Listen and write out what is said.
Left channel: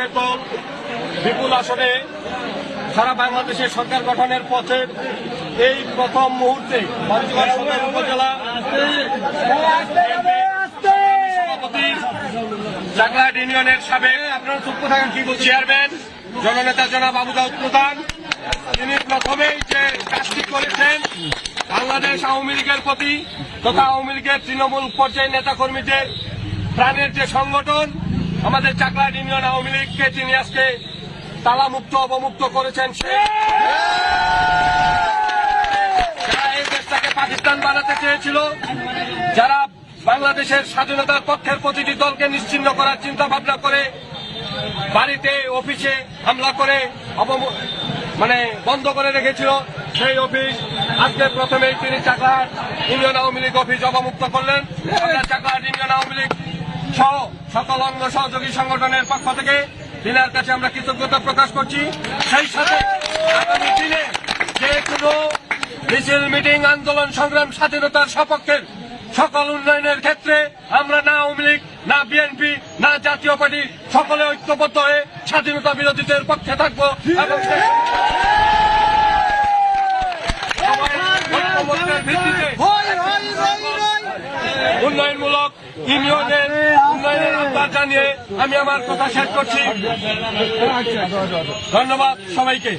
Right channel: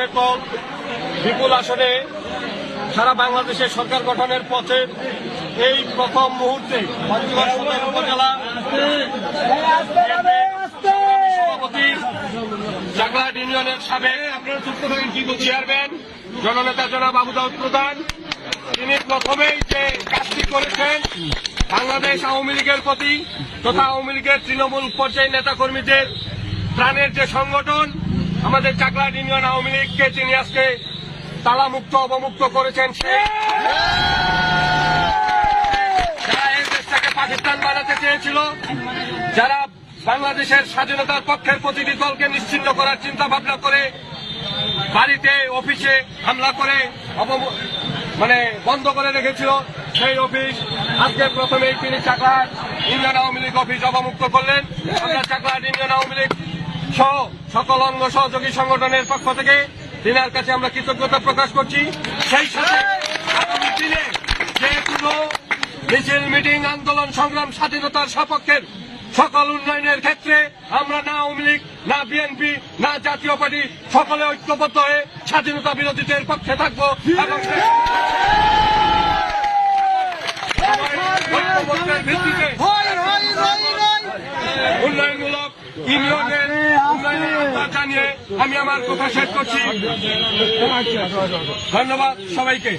ক্ষেত্র বিপুল আসনে সারা বাংলাদেশে সরকার গঠনের পথে এই প্রথম মুহূর্তে উপজেলা সভাপতি চাকলাহাট ইউনিয়নের সাবেক আপনারা চুপ থাকেন কি চেয়ারম্যান জননেতা জনাব আবু দাউদ প্রধান, তিনি প্রথমেই যে কাজটি করেছেন বাংলাদেশ আওয়ামী লীগের প্রতি তথা আওয়ামী লীগের তৃণমূল পর্যায়ের নেতাকর্মীদের প্রাণের যে সংগঠন আমাদের চাকলাহাট ইউনিয়ন আওয়ামী লীগকে তিনি আজকে তালামুক্ত অবমুক্ত করেছেন। যারা এই দেশটাকে পাকিস্তান বানাতে চেয়েছিল, যারা বাংলাদেশের স্বাধীনতার পক্ষের প্রতিটি দলকে নিশ্চিহ্ন করার চিন্তা ভাবনা করে বাড়িতে অফিসে হামলা করে বন্ধ করে রেখেছিল, সেই অফিস আজকে প্রথমেই তিনি চাকলাহাট ইউনিয়ন আওয়ামী লীগ অফিস অবমুক্ত করলেন। চাকলাহাট ইউনিয়ন আওয়ামী লীগ সহ সকল অঙ্গ সহযোগী সংগঠনের পক্ষ থেকে তিনার কাছে আমরা কৃতজ্ঞতা প্রকাশ করছি। সেই সাথে আগামী দিনে যে কোনো মিছিল মিটিং আন্দোলন সংগ্রাম স্বাধীনতার সপক্ষের সকল উন্নয়নের ক্ষেত্রে আমরা না আওয়ামী লীগ না বিএনপি না জাতীয় পার্টি সকলে ঐক্যবদ্ধ হয়ে স্বাধীনতা বিরোধীদের পক্ষে থাকবো এবং ঐক্যবদ্ধের ভিত্তিতে উন্নয়নমূলক ইউনিয়নের উন্নয়নের আহ্বান জানিয়ে আমি আমার কথা শেষ করছি। ধন্যবাদ সবাইকে।